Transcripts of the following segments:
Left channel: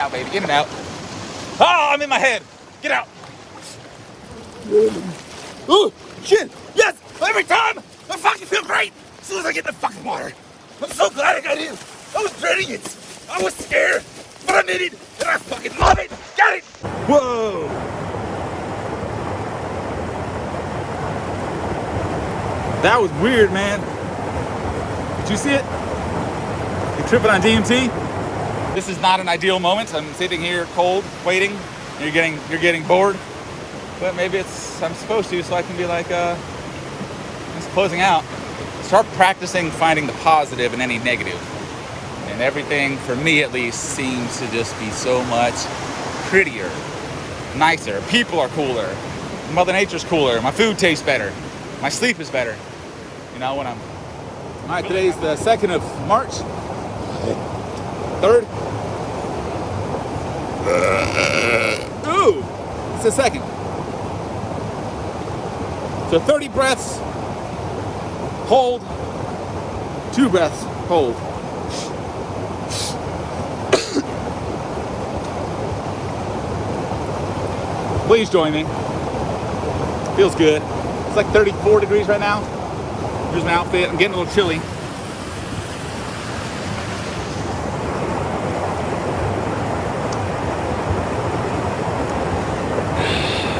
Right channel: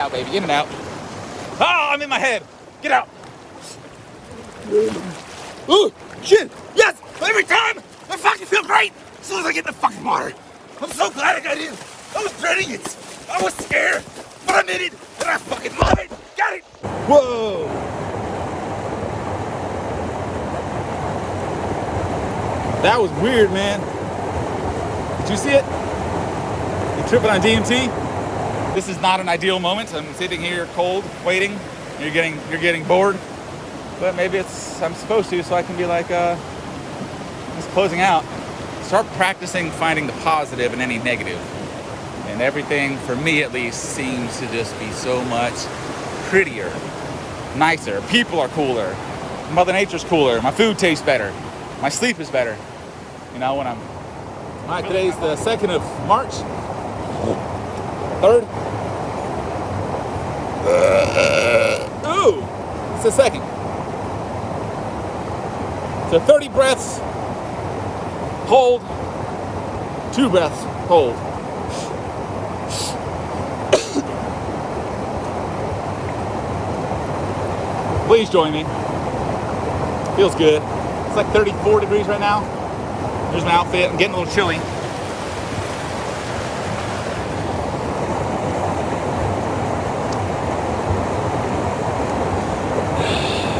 Out, baby, in and out. Oh, I'm in my head. Get out. Ooh, shit. Yes, every time. I fucking feel great as soon as I get in the fucking water. I'm so glad I got in. I was dreading it. I was scared, but I did it, and I fucking love it. Got it. Whoa. That was weird, man. Did you see it? You tripping on DMT? This is not an ideal moment. I'm sitting here cold, waiting. You're getting bored. But maybe I'm supposed to, so I can be like, it's closing out. Start practicing finding the positive in any negative. And everything, for me at least, seems to just be so much prettier, nicer. People are cooler. Mother Nature's cooler. My food tastes better. My sleep is better. You know, when I'm... All right, today's the 2nd of March. The 3rd. Ooh, it's the 2nd. So 30 breaths, hold, 2 breaths, hold. Please join me. Feels good. It's like 34 degrees right now. Here's my outfit. I'm getting a little chilly.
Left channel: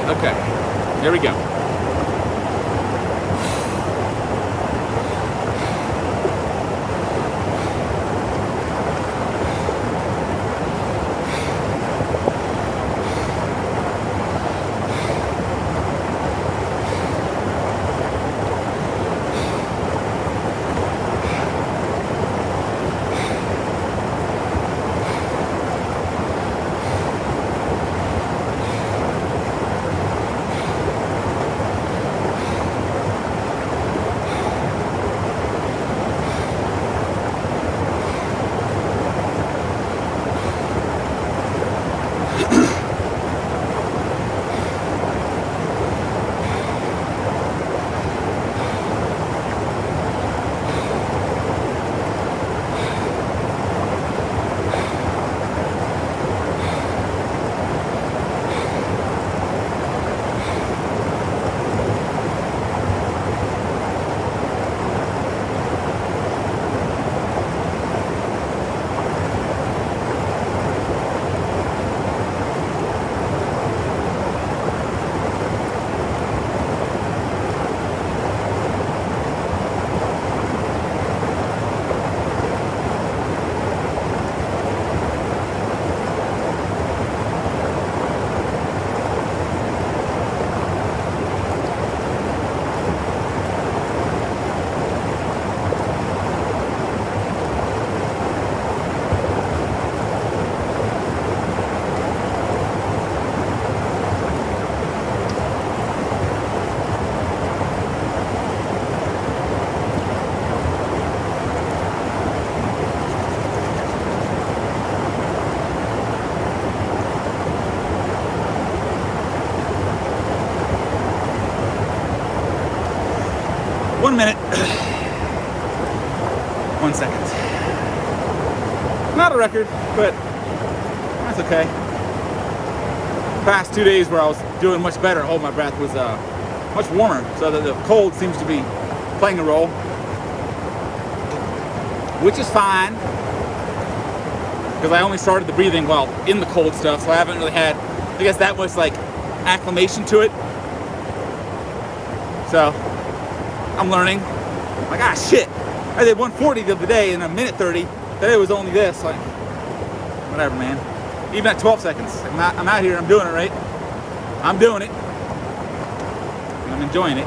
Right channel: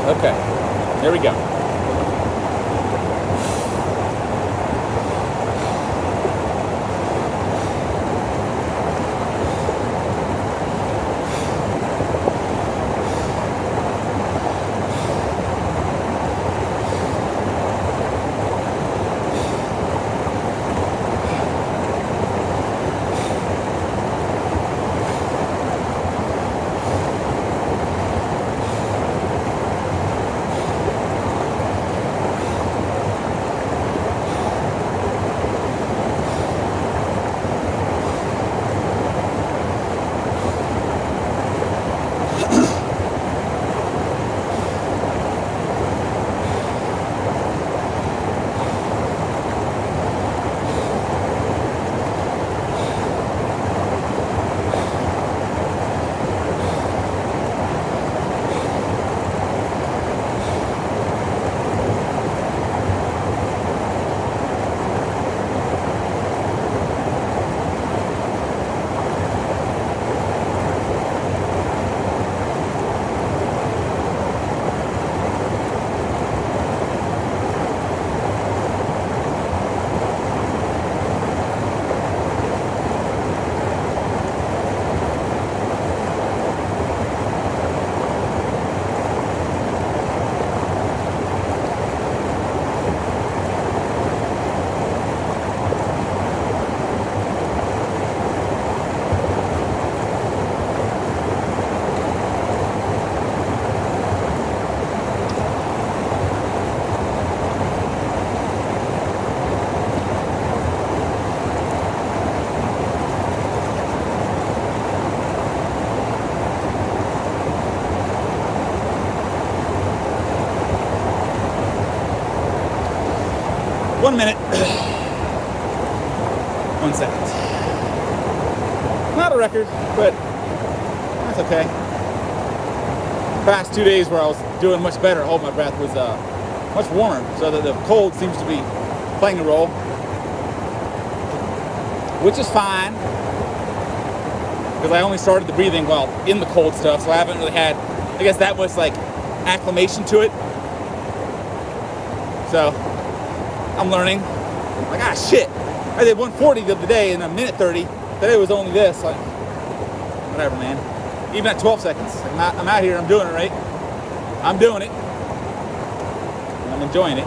Okay, here we go. One minute. 1 second. Not a record, but that's okay. Past 2 days where I was doing much better, hold my breath, was much warmer, so that the cold seems to be playing a role, which is fine, because I only started the breathing while in the cold stuff, so I haven't really had, I guess, that much like acclimation to it. So I'm learning. Like, ah, shit. I did 140 the other day in a minute 30. Today was only this. Like, whatever, man. Even at 12 seconds. Like, I'm out here. I'm doing it, right? I'm doing it. And I'm enjoying it.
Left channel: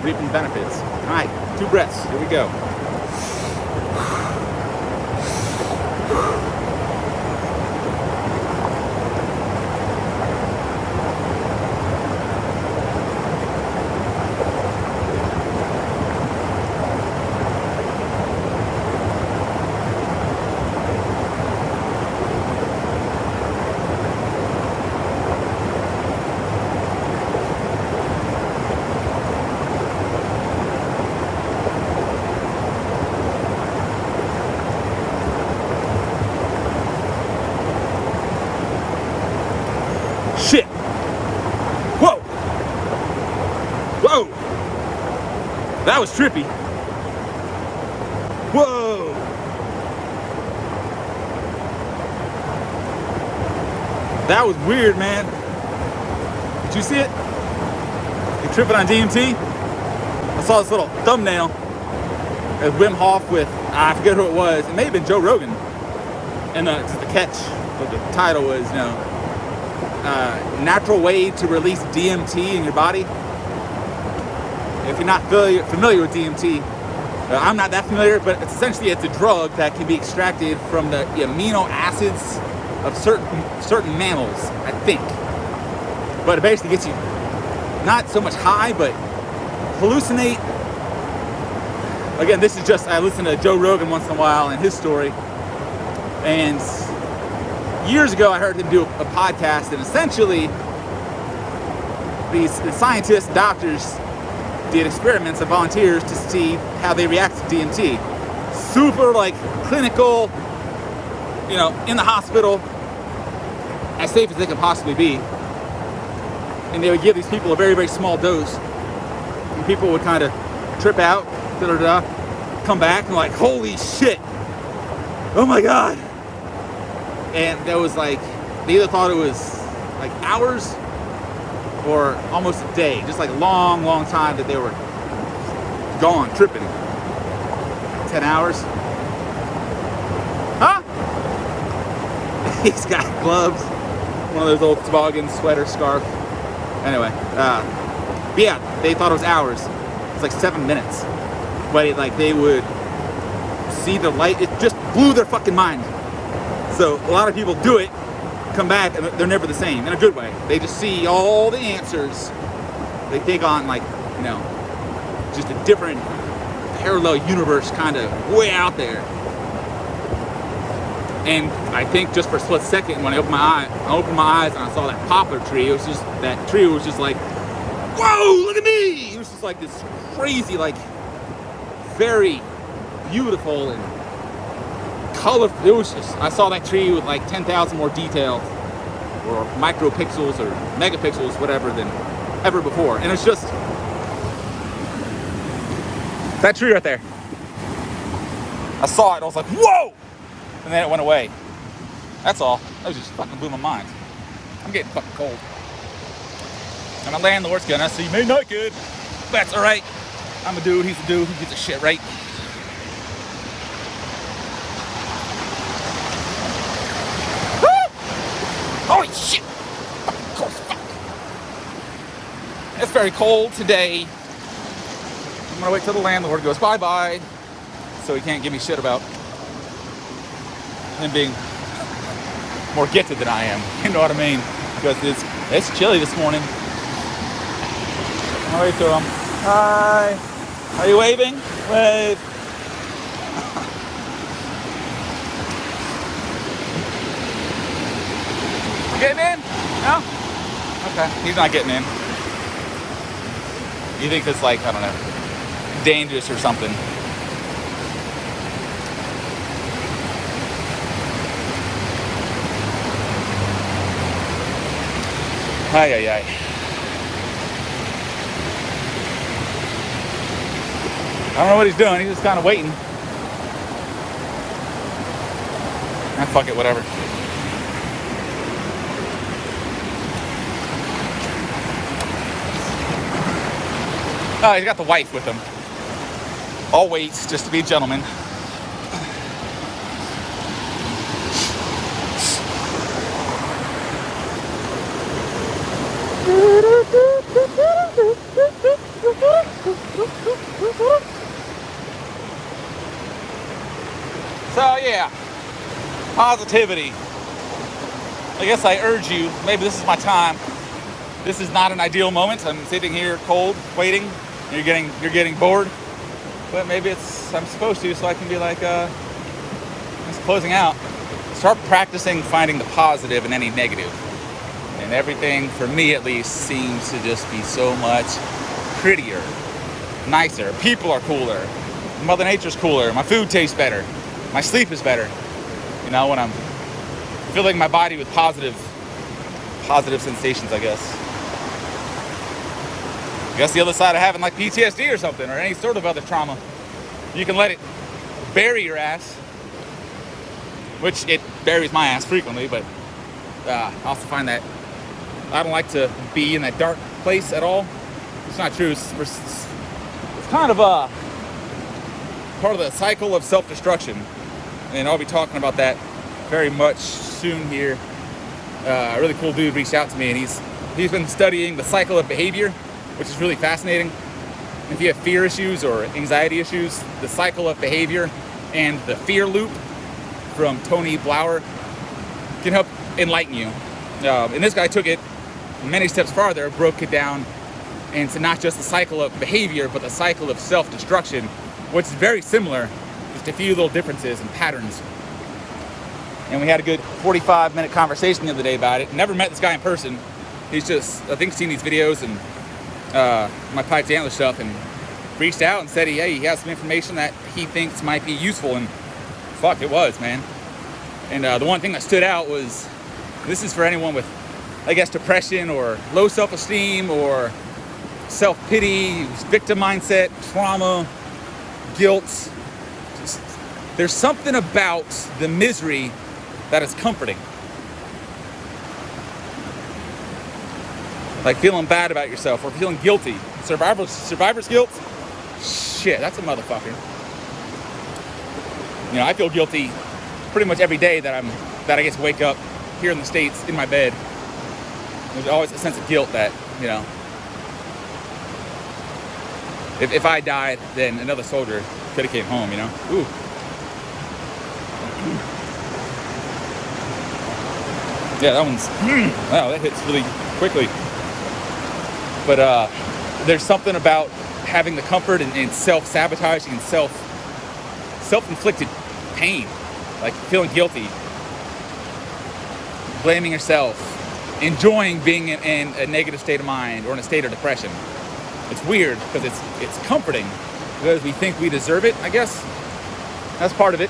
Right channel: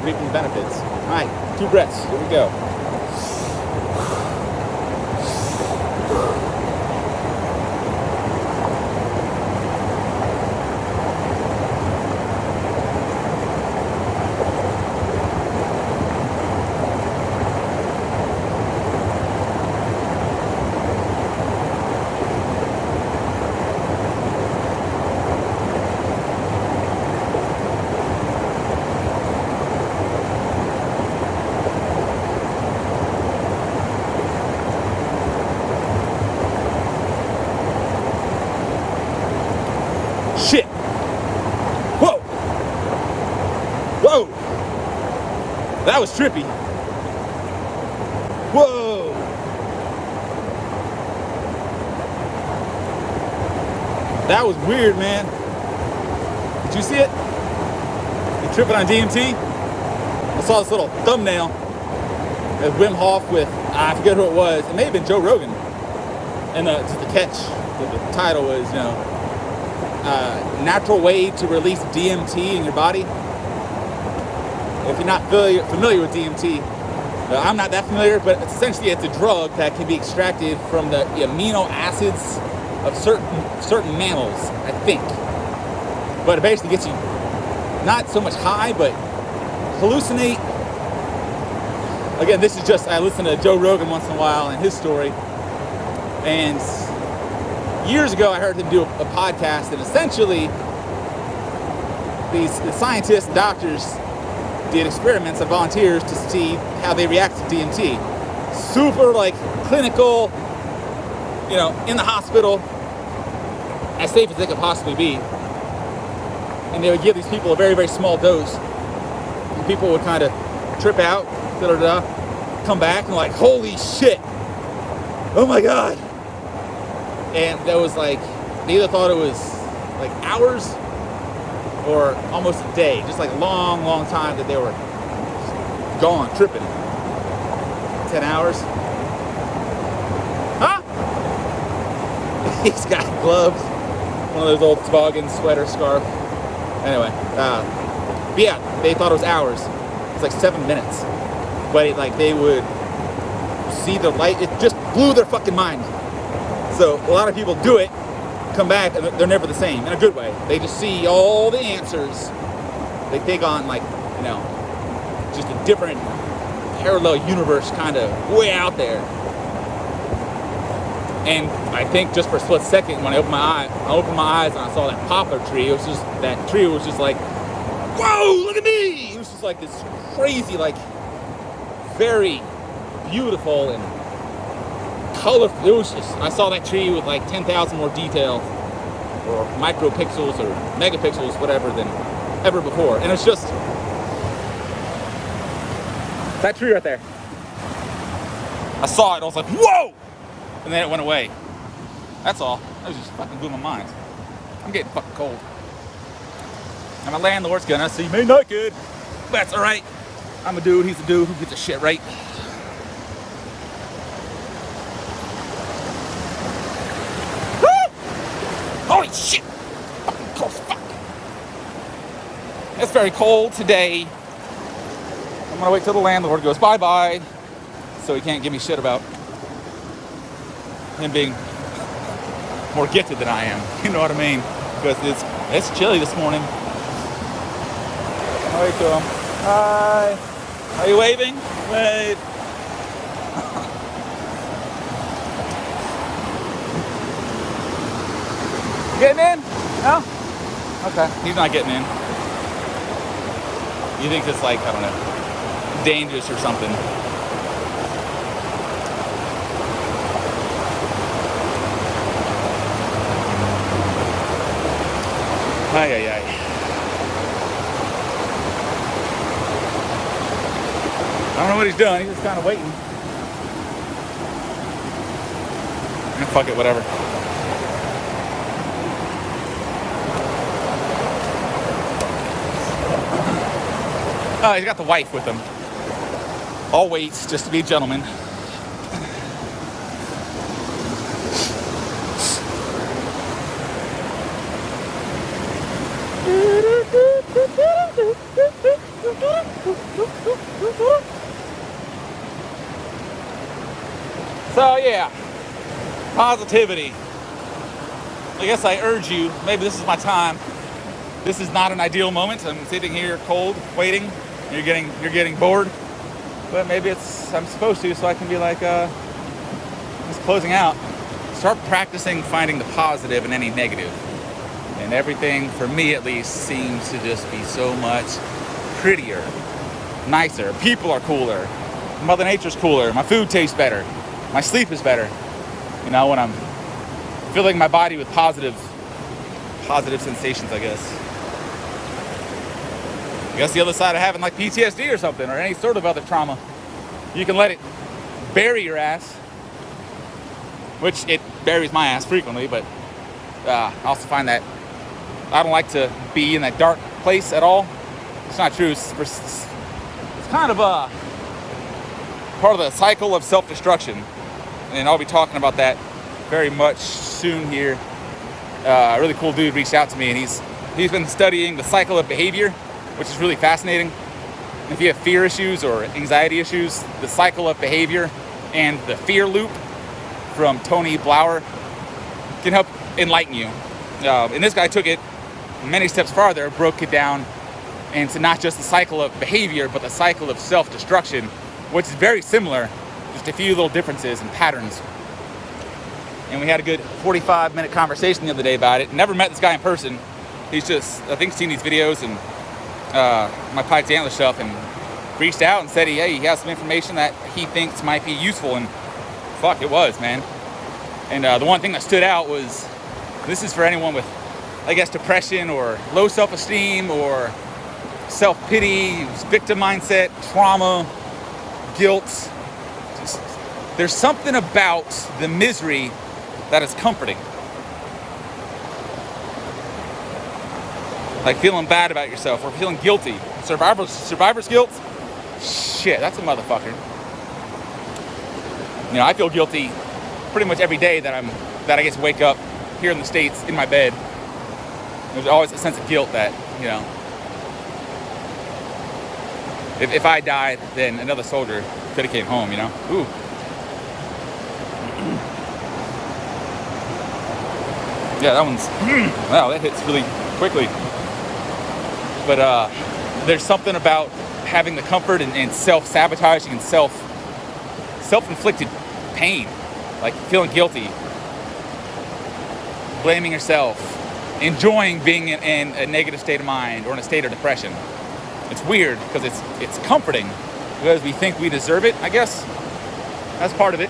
Reaping the benefits. All right, 2 breaths. Here we go. Shit. Whoa. Whoa. That was trippy. Whoa. That was weird, man. Did you see it? You tripping on DMT? I saw this little thumbnail of Wim Hof with, I forget who it was. It may have been Joe Rogan. And just the catch, but the title was, natural way to release DMT in your body. If you're not familiar with DMT, I'm not that familiar, but essentially it's a drug that can be extracted from the amino acids of certain mammals, I think. But it basically gets you not so much high, but hallucinate. Again, this is just, I listen to Joe Rogan once in a while and his story. And years ago, I heard him do a podcast, and essentially the scientists and doctors did experiments on volunteers to see how they react to DMT. Super clinical, in the hospital, as safe as they could possibly be. And they would give these people a very, very small dose. And people would kind of trip out, come back and holy shit. Oh my God. And that was they either thought it was hours or almost a day. Just a long, long time that they were gone, tripping. 10 hours. Huh? He's got gloves. One of those old toboggan sweater scarf. Anyway, but yeah, they thought it was hours. It was 7 minutes. But they would see the light. It just blew their fucking mind. So a lot of people do it, come back, and they're never the same, in a good way. They just see all the answers. They take on just a different parallel universe kind of way out there. And I think just for a split second, when I opened my eyes and I saw that poplar tree, it was just, that tree was just whoa, look at me! It was just this crazy, very beautiful and colorful. It was just, I saw that tree with 10,000 more detail, or micropixels or megapixels, whatever, than ever before. And it's just that tree right there. I saw it, I was whoa! And then it went away. That's all. That just fucking blew my mind. I'm getting fucking cold. And my landlord's gonna see me naked. That's alright. I'm a dude, he's a dude who gets his shit right. Woo! Holy shit! Fucking cold, fuck. It's very cold today. I'm gonna wait till the landlord goes bye-bye, so he can't give me shit about him being more gifted than I am. You know what I mean? Because it's chilly this morning. I'm gonna wait till him. Bye. Are you waving? Wave. Getting in? No? Okay. He's not getting in. You think it's I don't know, dangerous or something. Ay, ay, ay. I don't know what he's doing. He's just kind of waiting. Fuck it, whatever. Oh, he's got the wife with him. All waits, just to be a gentleman. So yeah, positivity. I guess I urge you, maybe this is my time. This is not an ideal moment. I'm sitting here cold, waiting. You're getting bored. But maybe I'm supposed to, so I can be it's closing out. Start practicing finding the positive in any negative. And everything, for me at least, seems to just be so much prettier, nicer. People are cooler. Mother Nature's cooler. My food tastes better. My sleep is better. When I'm filling my body with positive positive sensations, I guess. I guess the other side of having like PTSD or something, or any sort of other trauma, you can let it bury your ass, which it buries my ass frequently, but I also find that I don't like to be in that dark place at all. It's not true. It's kind of a part of the cycle of self-destruction, and I'll be talking about that very much soon here. A really cool dude reached out to me, and he's been studying the cycle of behavior, which is really fascinating. If you have fear issues or anxiety issues, the cycle of behavior and the fear loop from Tony Blauer can help enlighten you. And this guy took it many steps farther, broke it down into not just the cycle of behavior, but the cycle of self-destruction, which is very similar, just a few little differences and patterns. And we had a good 45-minute conversation the other day about it. Never met this guy in person. He's just, I think, seen these videos and my Pikes Antler stuff, and reached out and said he has some information that he thinks might be useful, and fuck, it was, man. And the one thing that stood out was, this is for anyone with, I guess, depression or low self-esteem or self-pity, victim mindset, trauma, guilt. There's something about the misery that is comforting. Like feeling bad about yourself or feeling guilty. Survivor's guilt? Shit, that's a motherfucker. You know, I feel guilty pretty much every day that I get to wake up here in the States in my bed. There's always a sense of guilt that, you know, if I died, then another soldier could have came home, you know? Ooh. Yeah, that one's, wow, that hits really quickly. But there's something about having the comfort and self-sabotaging and self-inflicted pain, like feeling guilty, blaming yourself, enjoying being in a negative state of mind or in a state of depression. It's weird because it's comforting because we think we deserve it, I guess. That's part of it.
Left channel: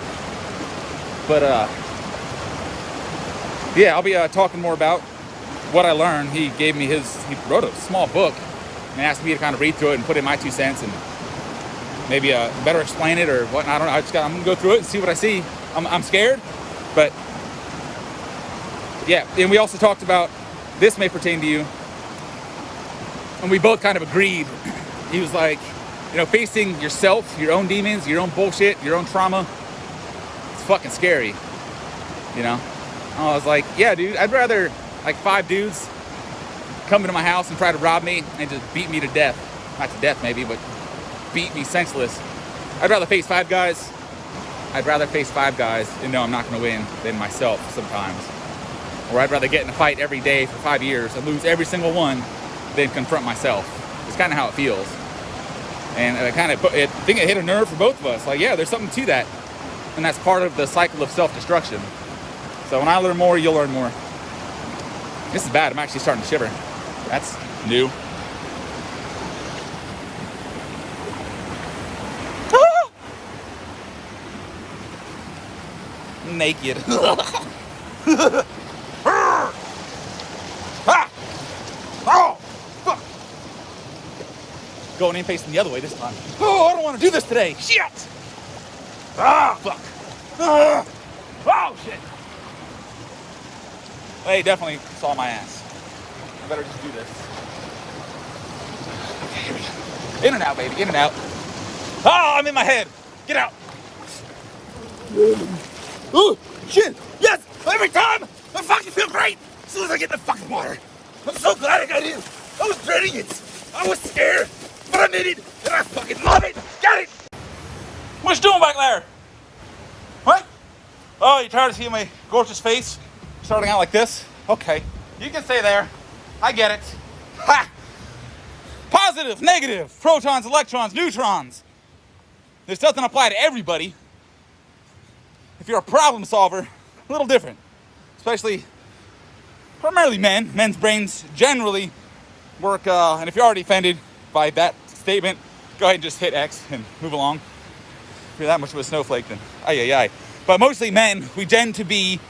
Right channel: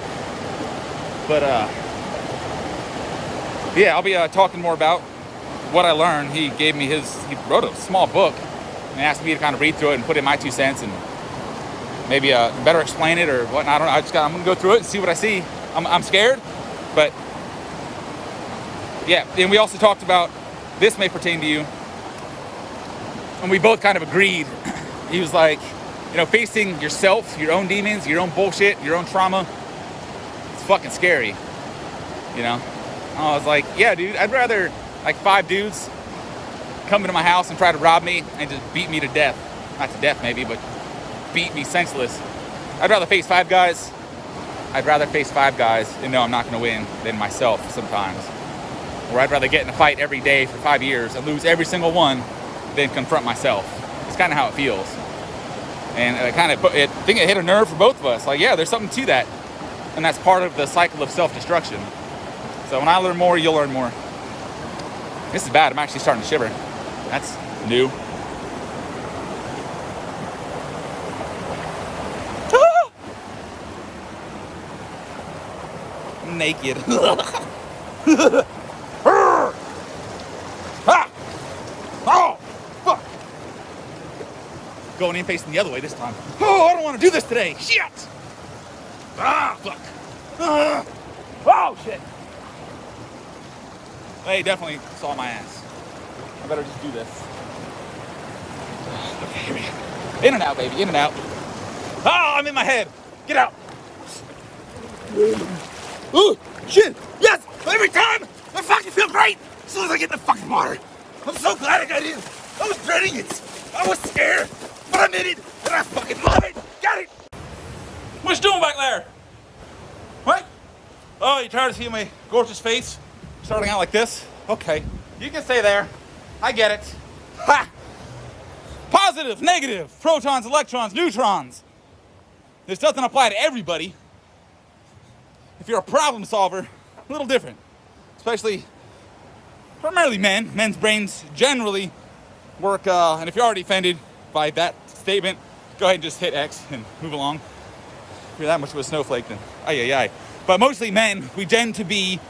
But yeah, I'll be talking more about what I learned. He wrote a small book and asked me to kind of read through it and put in my 2 cents and maybe better explain it or whatnot. I don't know. I'm gonna go through it and see what I see. I'm scared, but yeah. And we also talked about, this may pertain to you, and we both kind of agreed. He was like, you know, facing yourself, your own demons, your own bullshit, your own trauma, it's fucking scary, you know? I was like, yeah, dude, I'd rather like 5 dudes come into my house and try to rob me and just beat me to death. Not to death maybe, but beat me senseless. I'd rather face 5 guys. I'd rather face 5 guys and know I'm not gonna win than myself sometimes. Or I'd rather get in a fight every day for 5 years and lose every single one than confront myself. It's kind of how it feels. And I think it hit a nerve for both of us. Like, yeah, there's something to that. And that's part of the cycle of self-destruction. So when I learn more, you'll learn more. This is bad. I'm actually starting to shiver. That's new. I'm naked. Oh, fuck. Going in facing the other way this time. Oh, I don't want to do this today. Shit. Fuck. Oh, shit. They definitely saw my ass. I better just do this. In and out, baby. In and out. Oh, I'm in my head. Get out. Oh, shit. Yes. Every time. I fucking feel great as soon as I get in the fucking water. I'm so glad I got in. I was dreading it. I was scared. But I'm in it. And I fucking love it. Got it. What you doing back there? What? Oh, you tired of seeing my gorgeous face? Starting out like this? Okay. You can stay there. I get it. Ha! Positive, negative, protons, electrons, neutrons. This doesn't apply to everybody. If you're a problem solver, a little different. Especially, primarily men. Men's brains generally work, and if you're already offended by that statement, go ahead and just hit X and move along. If you're that much of a snowflake, then But mostly men, we tend to be,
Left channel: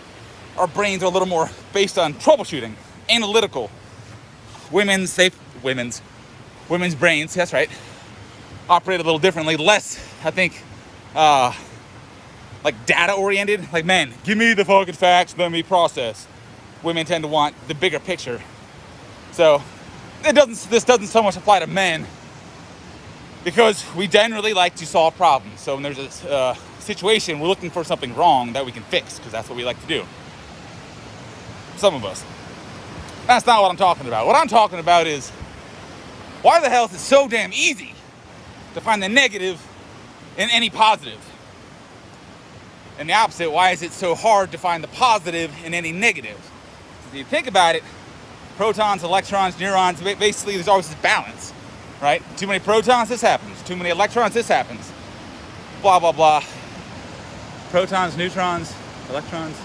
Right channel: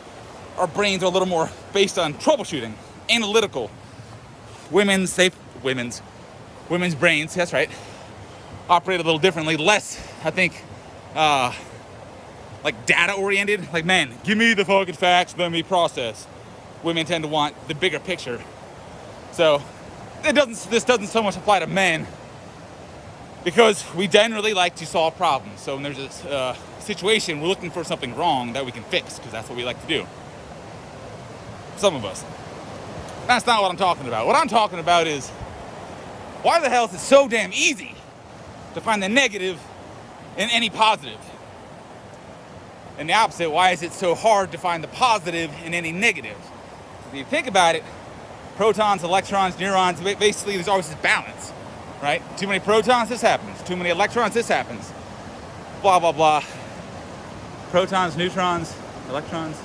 our brains are a little more based on troubleshooting analytical. Women's brains, that's right, operate a little differently, less, I think, like data oriented. Like, man, give me the fucking facts, let me process. Women tend to want the bigger picture. So this doesn't so much apply to men, because we generally like to solve problems. So when there's a situation, we're looking for something wrong that we can fix, because that's what we like to do. Some of us. That's not what I'm talking about. What I'm talking about is, why the hell is it so damn easy to find the negative in any positive? And the opposite, why is it so hard to find the positive in any negative? If you think about it, protons, electrons, neurons, basically there's always this balance, right? Too many protons, this happens. Too many electrons, this happens. Blah, blah, blah. Protons, neutrons, electrons.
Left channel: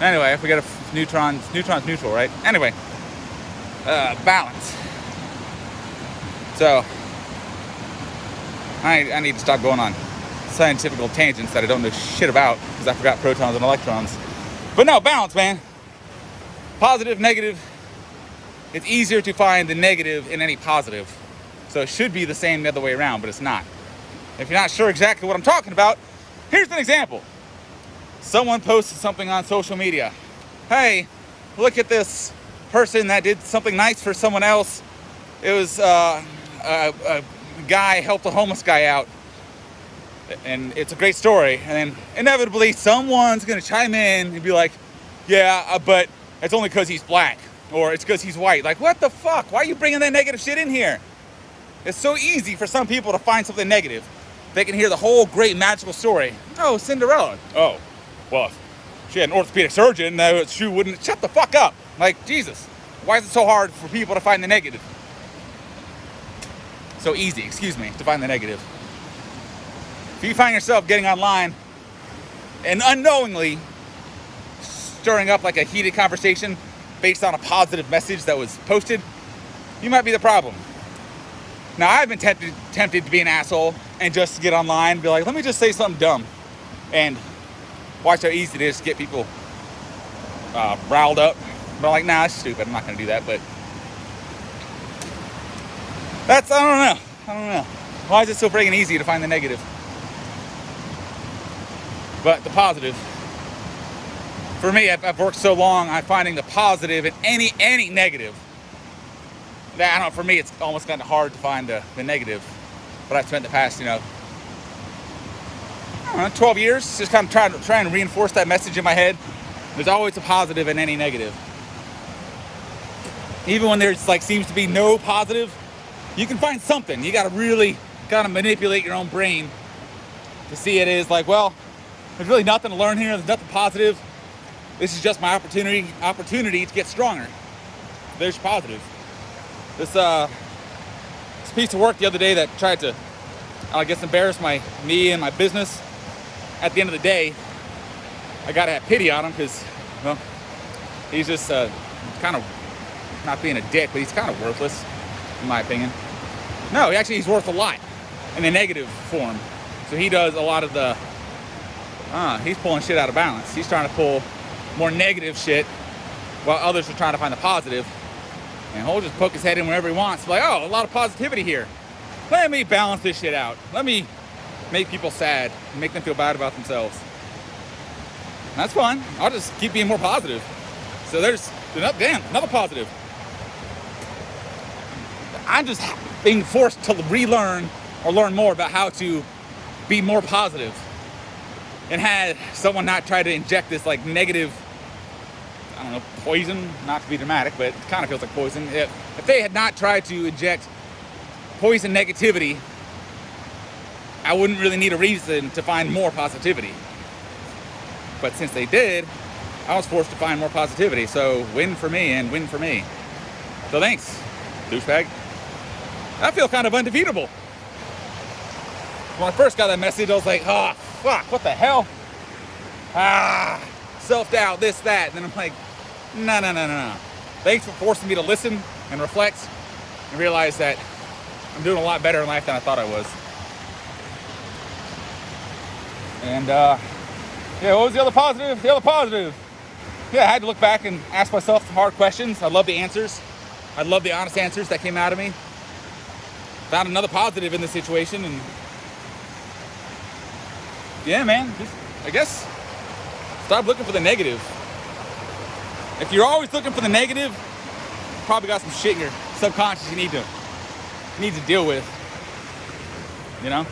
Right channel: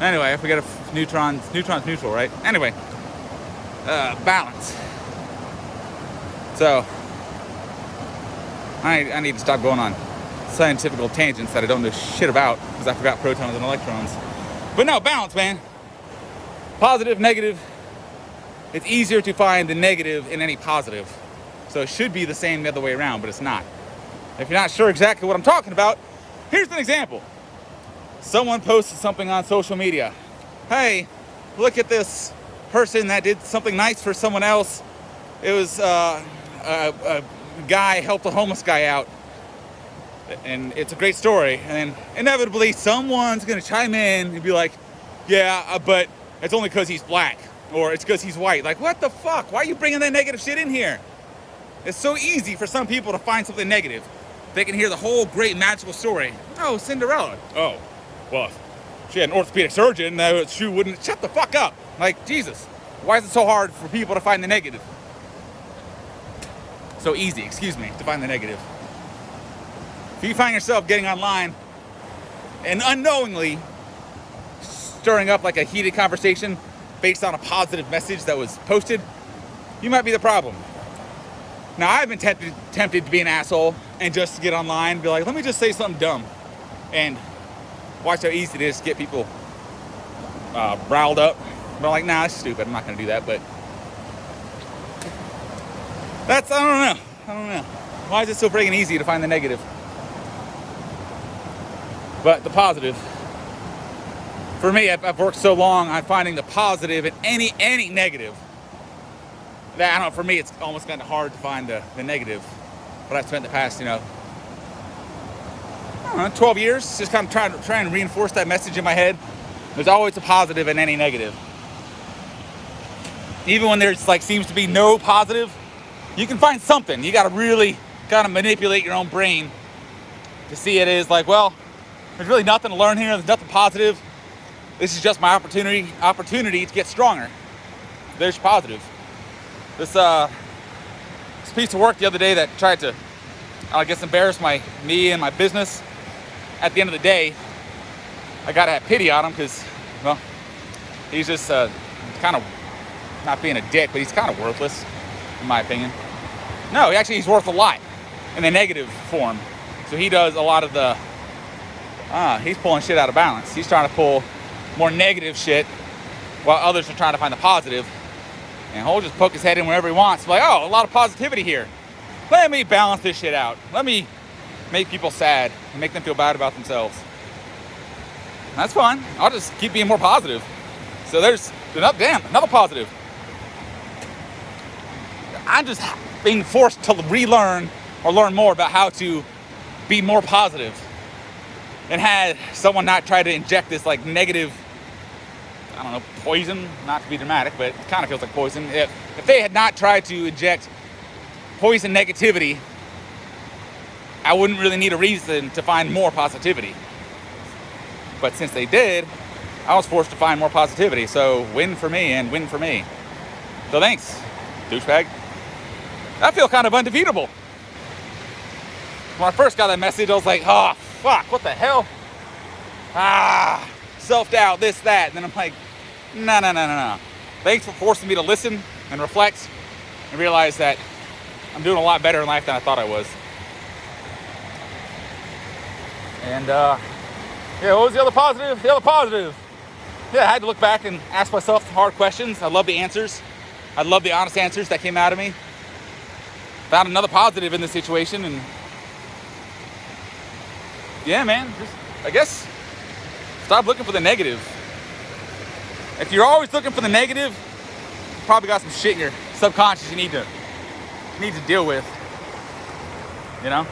Anyway, I forget if neutrons neutral, right? Anyway, balance. So, I need to stop going on scientific tangents that I don't know shit about, because I forgot protons and electrons. But no, balance, man. Positive, negative. It's easier to find the negative in any positive. So it should be the same the other way around, but it's not. If you're not sure exactly what I'm talking about, here's an example. Someone posted something on social media. Hey, look at this person that did something nice for someone else. It was a guy helped a homeless guy out. And it's a great story. And then inevitably someone's gonna chime in and be like, yeah, but it's only because he's black, or it's because he's white. Like, what the fuck? Why are you bringing that negative shit in here? It's so easy for some people to find something negative. They can hear the whole great magical story. Oh, Cinderella. Oh, well, if she had an orthopedic surgeon, she wouldn't. Shut the fuck up. Like, Jesus. Why is it so hard for people to find the negative? So easy, to find the negative. If you find yourself getting online and unknowingly stirring up like a heated conversation based on a positive message that was posted, you might be the problem. Now, I've been tempted to be an asshole and just to get online and be like, let me just say something dumb, and watch how easy it is to get people riled up. But I'm like, nah, that's stupid. I'm not going to do that. But I don't know. Why is it so friggin' easy to find the negative? But the positive. For me, I've worked so long on finding the positive in any negative that, I don't know, for me, it's almost kind of hard to find the negative. But I've spent the past, 12 years just kind of trying to reinforce that message in my head. There's always a positive in any negative. Even when there's seems to be no positive, you can find something. You got to really kind of manipulate your own brain to see it as like, well, there's really nothing to learn here. There's nothing positive. This is just my opportunity to get stronger. There's positive. This piece of work the other day that tried to, I guess, embarrass me and my business. At the end of the day, I gotta have pity on him because, well, he's just kind of not being a dick, but he's kind of worthless, in my opinion. No, he's worth a lot in the negative form. So he does a lot of the, he's pulling shit out of balance. He's trying to pull more negative shit while others are trying to find the positive. And he'll just poke his head in wherever he wants. Like, oh, a lot of positivity here. Let me balance this shit out. Let me make people sad and make them feel bad about themselves. That's fine. I'll just keep being more positive. So there's another positive. I'm just being forced to relearn or learn more about how to be more positive. And had someone not try to inject this negative, I don't know, poison, not to be dramatic, but it kind of feels like poison. If they had not tried to inject poison negativity, I wouldn't really need a reason to find more positivity. But since they did, I was forced to find more positivity. So win for me and win for me. So thanks, douchebag. I feel kind of undefeatable. When I first got that message, I was like, oh, fuck, what the hell? Self-doubt, this, that. And then I'm like, no. Thanks for forcing me to listen and reflect and realize that I'm doing a lot better in life than I thought I was. And, what was the other positive? The other positive yeah, I had to look back and ask myself hard questions. I love the answers. I love the honest answers that came out of me. Found another positive in this situation, and yeah, man, I guess stop looking for the negative. If you're always looking for the negative, you probably got some shit in your subconscious you need to deal with, you know?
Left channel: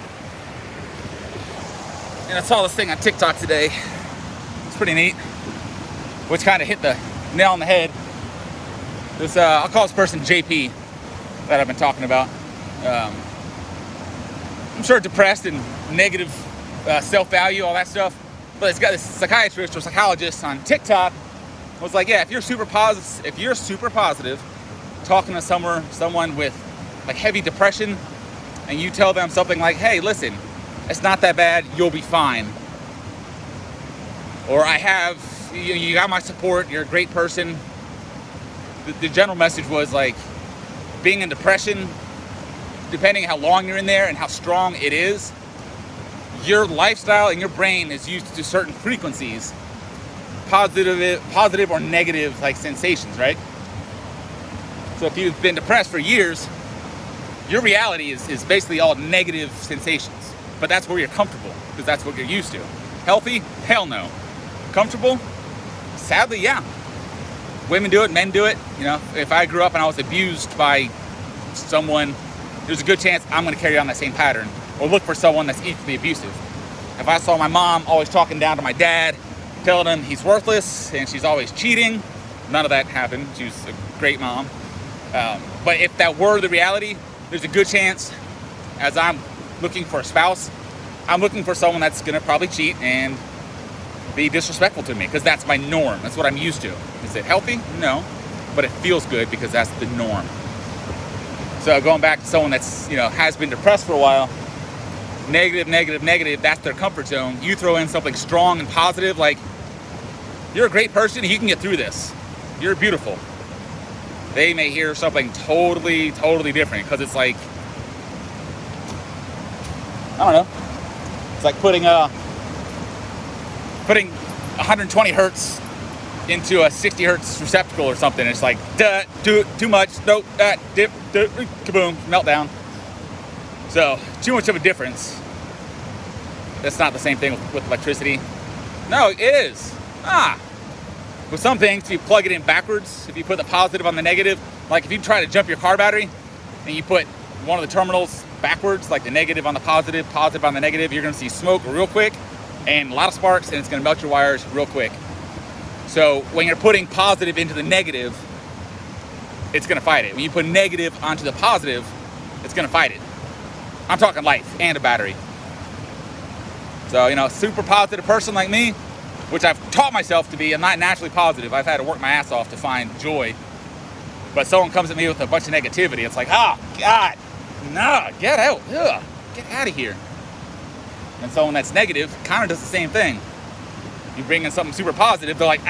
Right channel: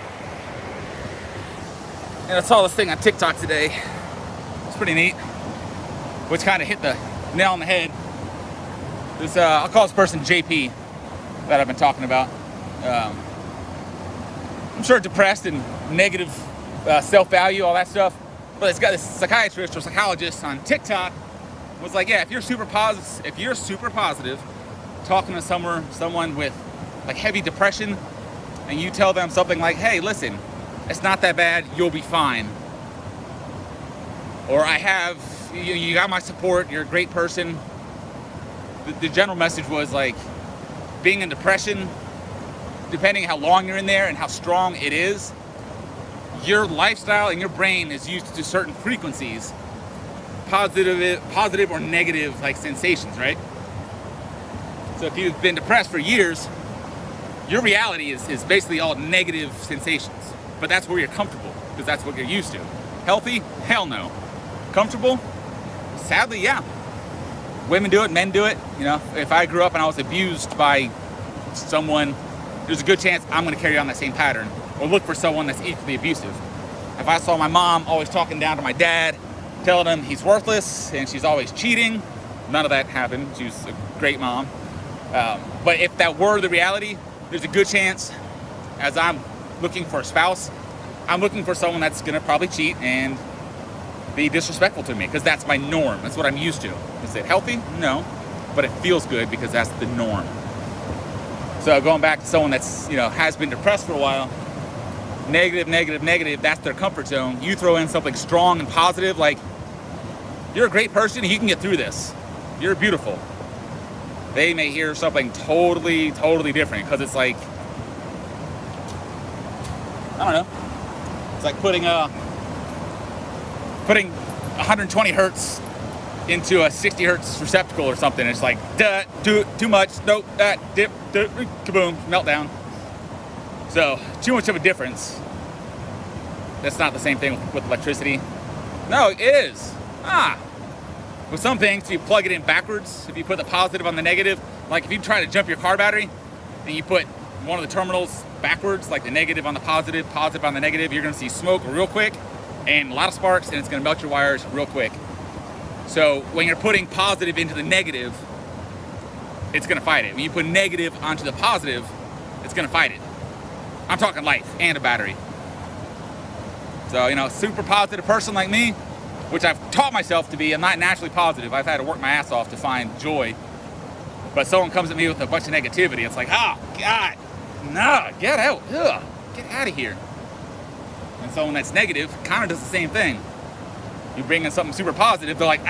And I saw this thing on TikTok today. It's pretty neat, which kind of hit the nail on the head. This, I'll call this person JP that I've been talking about. I'm sure depressed and negative self-value, all that stuff. But it's got this psychiatrist or psychologist on TikTok was like, yeah, if you're super positive, talking to someone with like heavy depression, and you tell them something like, hey, listen, it's not that bad, you'll be fine. Or you got my support, you're a great person. The general message was like, being in depression, depending on how long you're in there and how strong it is, your lifestyle and your brain is used to certain frequencies, positive or negative like sensations, right? So if you've been depressed for years, your reality is basically all negative sensations. But that's where you're comfortable, because that's what you're used to. Healthy? Hell no. Comfortable? Sadly, yeah. Women do it, men do it. You know, if I grew up and I was abused by someone, there's a good chance I'm going to carry on that same pattern or look for someone that's equally abusive. If I saw my mom always talking down to my dad, telling him he's worthless and she's always cheating, none of that happened. She's a great mom. But if that were the reality, there's a good chance, as I'm looking for a spouse, I'm looking for someone that's going to probably cheat and be disrespectful to me, because that's my norm. That's what I'm used to. Is it healthy? No. But it feels good because that's the norm. So going back to someone that's, has been depressed for a while, negative, that's their comfort zone. You throw in something strong and positive, like, you're a great person, you can get through this. You're beautiful. They may hear something totally different, because it's like, I don't know. It's like putting 120 hertz into a 60 hertz receptacle or something. It's like, too much, nope, dip, kaboom, meltdown. So, too much of a difference. That's not the same thing with electricity. No, it is. With some things, if you plug it in backwards, if you put the positive on the negative, like if you try to jump your car battery and you put one of the terminals backwards, like the negative on the positive on the negative, you're gonna see smoke real quick and a lot of sparks, and it's gonna melt your wires real quick. So when you're putting positive into the negative, it's gonna fight it. When you put negative onto the positive, it's gonna fight it. I'm talking life and a battery. So, super positive person like me, which I've taught myself to be. I'm not naturally positive. I've had to work my ass off to find joy. But someone comes at me with a bunch of negativity, it's like, God, no, get out, get out of here. And someone that's negative kind of does the same thing. You bring in something super positive, they're like,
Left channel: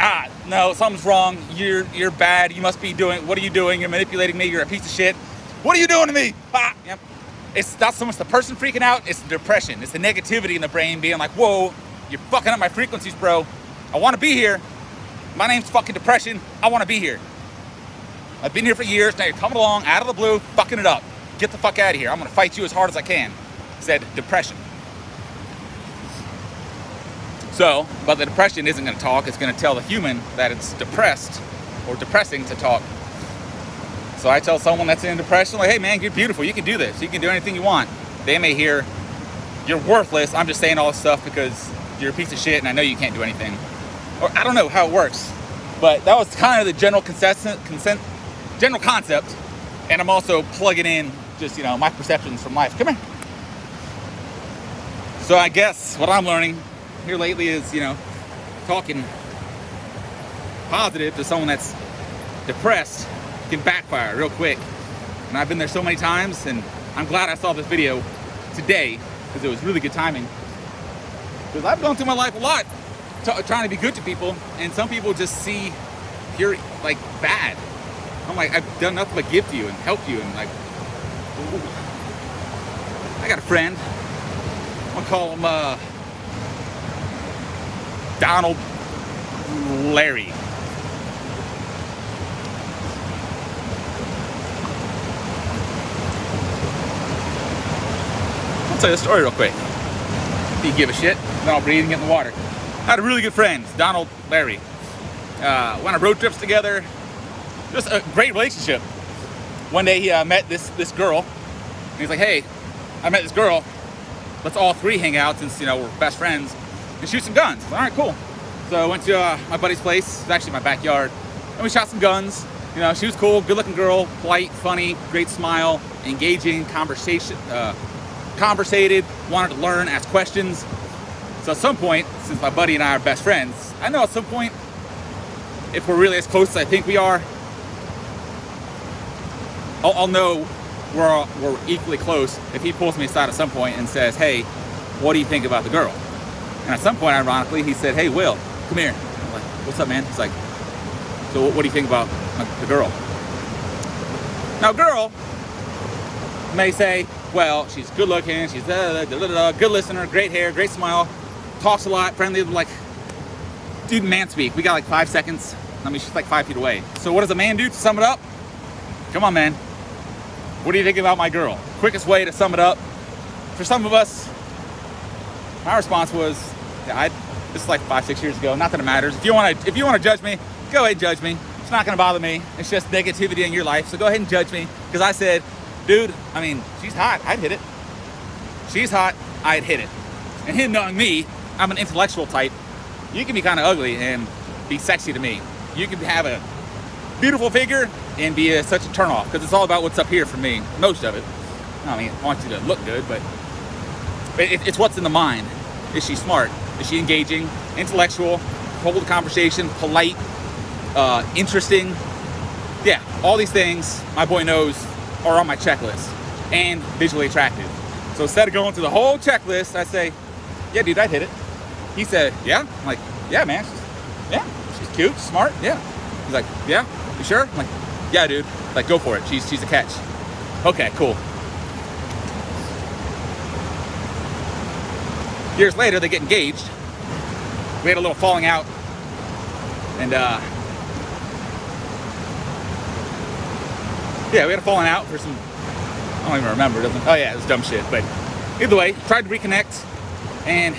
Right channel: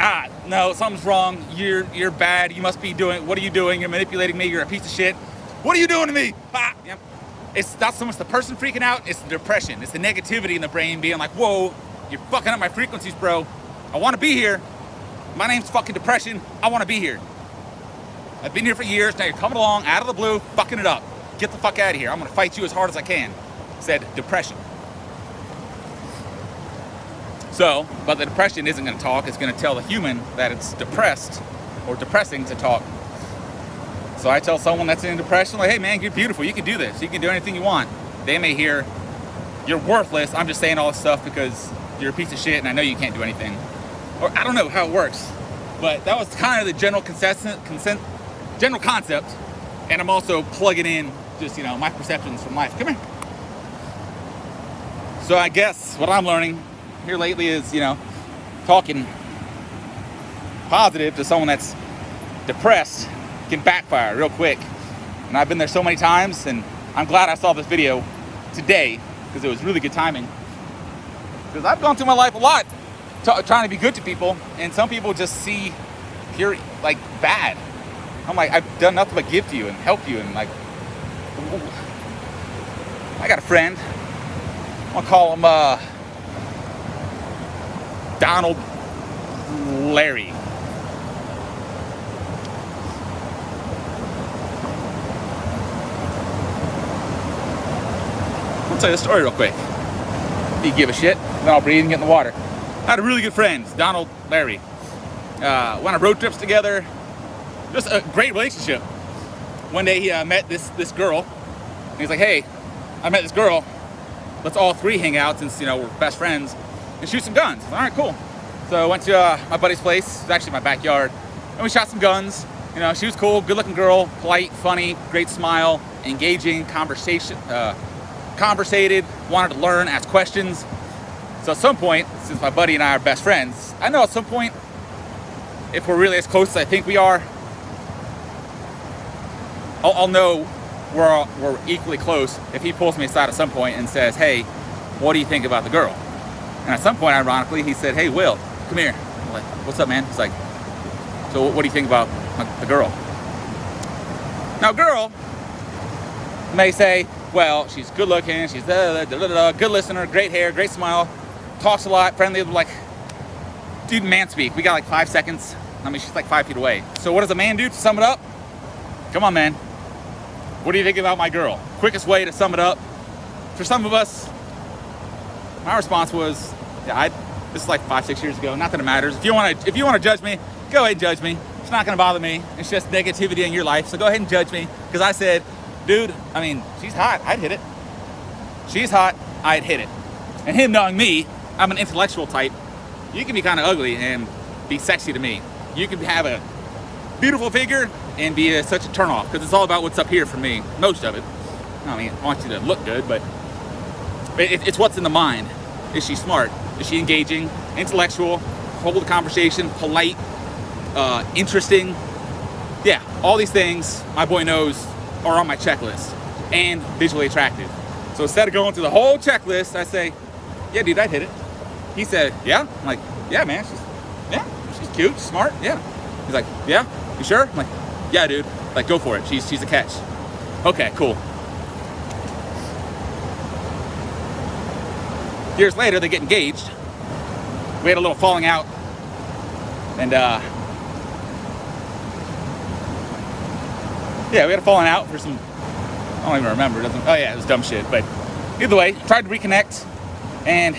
no, something's wrong. You're bad. You must be what are you doing? You're manipulating me. You're a piece of shit. What are you doing to me? Yep. It's not so much the person freaking out, it's the depression. It's the negativity in the brain being like, whoa, you're fucking up my frequencies, bro. I want to be here. My name's fucking depression. I want to be here. I've been here for years. Now you're coming along out of the blue, fucking it up. Get the fuck out of here. I'm going to fight you as hard as I can. Said depression. So, but the depression isn't going to talk. It's going to tell the human that it's depressed or depressing to talk. So I tell someone that's in depression, like, hey man, you're beautiful. You can do this. You can do anything you want. They may hear, you're worthless. I'm just saying all this stuff because you're a piece of shit and I know you can't do anything. Or I don't know how it works. But that was kind of the general general concept. And I'm also plugging in just, my perceptions from life. Come here. So I guess what I'm learning here lately is, talking positive to someone that's depressed can backfire real quick. And I've been there so many times, and I'm glad I saw this video today because it was really good timing. Because I've gone through my life a lot trying to be good to people, and some people just hear like bad. I'm like, I've done nothing but give to you and help you, and like, ooh. I got a friend. I'm gonna call him Donald Larry. I'll tell you the story real quick. If you give a shit, then I'll breathe and get in the water. I had a really good friend, Donald Larry. Went on road trips together. Just a great relationship. One day he met this girl. And he's like, hey, I met this girl. Let's all three hang out since, we're best friends and shoot some guns. I was like, all right, cool. So I went to my buddy's place. It was actually my backyard. And we shot some guns. She was cool, good looking girl, polite, funny, great smile, engaging, conversated, wanted to learn, ask questions. So at some point, since my buddy and I are best friends, I know at some point, if we're really as close as I think we are, I'll know we're equally close if he pulls me aside at some point and says, hey, what do you think about the girl? And at some point, ironically, he said, hey, Will, come here. I'm like, what's up, man? He's like, so what do you think about the girl? Now, girl may say, well, she's good looking, she's good listener, great hair, great smile, talks a lot, friendly, like, dude, man speak. We got like 5 seconds. I mean, she's like 5 feet away. So what does a man do to sum it up? Come on, man. What do you think about my girl? Quickest way to sum it up. For some of us, my response was, yeah, this is like 5-6 years ago. Not that it matters. If you want to judge me, go ahead and judge me. It's not going to bother me. It's just negativity in your life. So go ahead and judge me. Because I said, dude, I mean, she's hot. I'd hit it. She's hot. I'd hit it. And him knowing me, I'm an intellectual type. You can be kind of ugly and be sexy to me. You can have a beautiful figure and be such a turnoff. Because it's all about what's up here for me. Most of it. I mean, I want you to look good, but it's what's in the mind. Is she smart? Is she engaging? Intellectual? Hold a conversation? Polite? Interesting? Yeah, all these things my boy knows are on my checklist. And visually attractive. So instead of going through the whole checklist, I say, yeah, dude, I'd hit it. He said, yeah? I'm like, yeah, man. She's cute, she's smart, yeah. He's like, yeah, you sure? I'm like, yeah, dude. Like, go for it. She's a catch. Okay, cool. Years later, they get engaged. We had a little falling out. And, yeah, we had a falling out for some, I don't even remember. It was dumb shit. But either way, tried to reconnect. And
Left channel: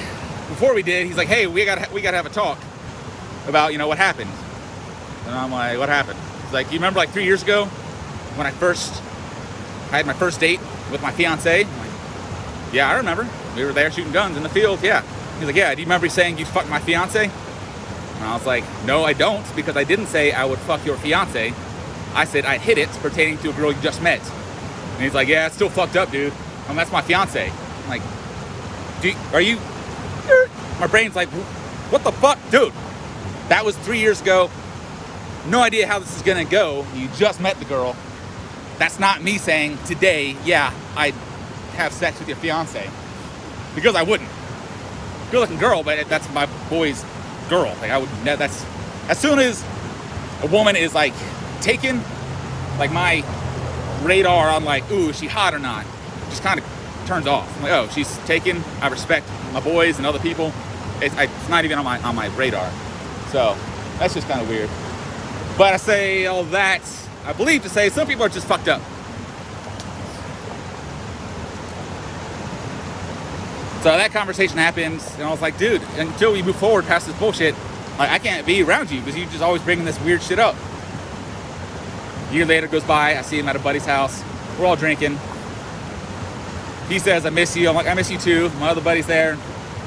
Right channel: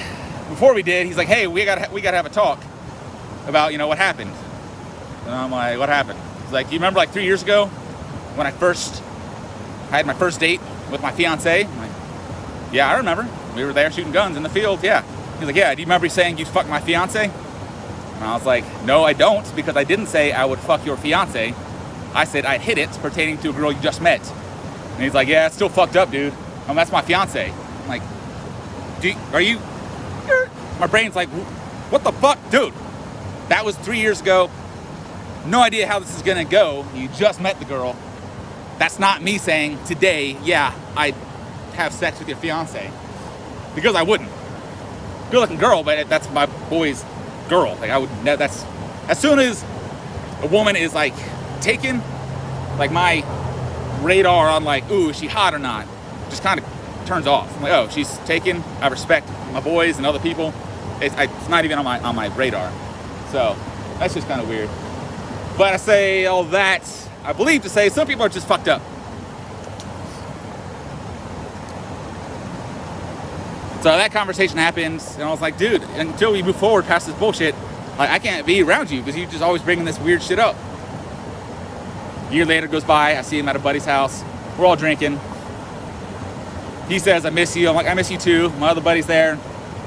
before we did, he's like, hey, we gotta have a talk about, what happened. And I'm like, what happened? He's like, you remember like 3 years ago when I had my first date with my fiance? I'm like, yeah, I remember. We were there shooting guns in the field, yeah. He's like, yeah, do you remember saying you'd fuck my fiance? And I was like, no, I don't, because I didn't say I would fuck your fiance. I said I'd hit it pertaining to a girl you just met. And he's like, yeah, it's still fucked up, dude. That's my fiance. I'm like, are you? My brain's like, what the fuck? Dude, that was 3 years ago. No idea how this is gonna go. You just met the girl. That's not me saying today, yeah, I'd have sex with your fiance. Because I wouldn't. Good looking girl, but that's my boy's girl. Like, that's, as soon as a woman is like taken, like my radar on like, ooh, is she hot or not? Just kind of turns off. I'm like, oh, she's taken. I respect my boys and other people. It's not even on my radar. So that's just kind of weird. But I say all that, I believe to say some people are just fucked up. So that conversation happened, and I was like, dude, until we move forward past this bullshit, like, I can't be around you because you just always bringing this weird shit up. A year later goes by, I see him at a buddy's house. We're all drinking. He says, I miss you. I'm like, I miss you too. My other buddy's there.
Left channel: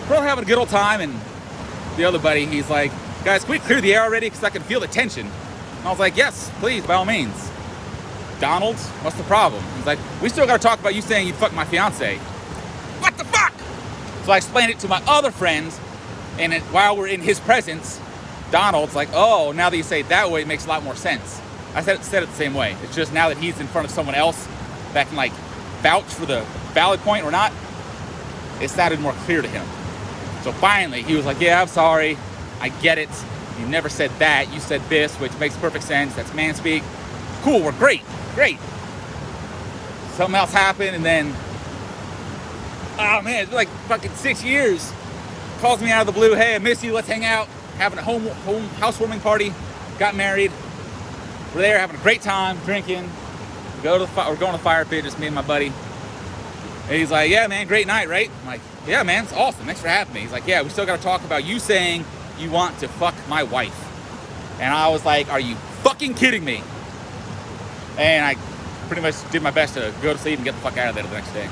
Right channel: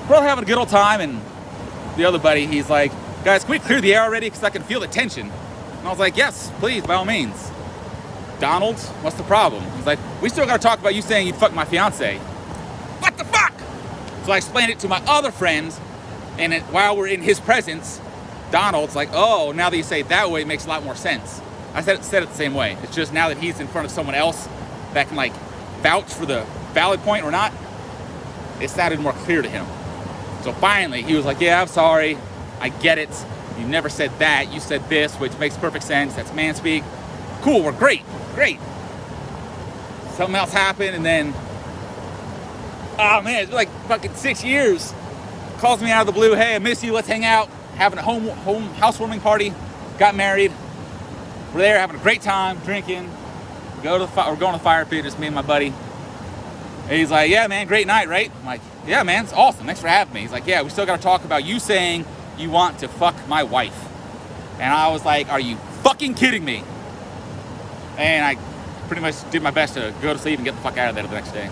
We're all having a good old time, and the other buddy, he's like, guys, can we clear the air already? Because I can feel the tension. And I was like, yes, please, by all means. Donald, what's the problem? He's like, we still got to talk about you saying you'd fuck my fiance. What the fuck? So I explained it to my other friends, and while we're in his presence, Donald's like, oh, now that you say it that way, it makes a lot more sense. I said it the same way. It's just now that he's in front of someone else that can like vouch for the valid point or not, it sounded more clear to him. So finally, he was like, yeah, I'm sorry. I get it. You never said that. You said this, which makes perfect sense. That's man speak. Cool, we're great. Something else happened, and then, oh man, it's been like fucking 6 years. Calls me out of the blue, hey, I miss you, let's hang out. Having a home housewarming party. Got married. We're there having a great time, drinking. We're going to the fire pit, just me and my buddy. And he's like, yeah, man, great night, right? I'm like, yeah, man, it's awesome. Thanks for having me. He's like, yeah, we still got to talk about you saying you want to fuck my wife. And I was like, are you fucking kidding me? And I pretty much did my best to go to sleep and get the fuck out of there the next day.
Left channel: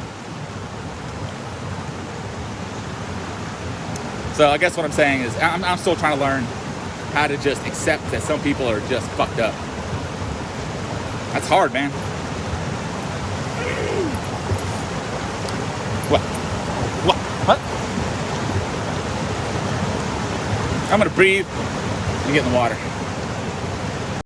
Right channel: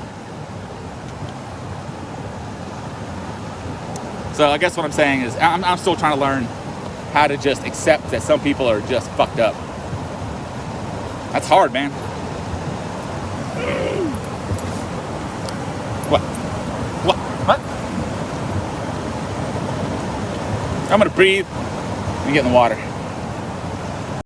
So I guess what I'm saying is I'm still trying to learn how to just accept that some people are just fucked up. That's hard, man. What? What? I'm gonna breathe and get in the water.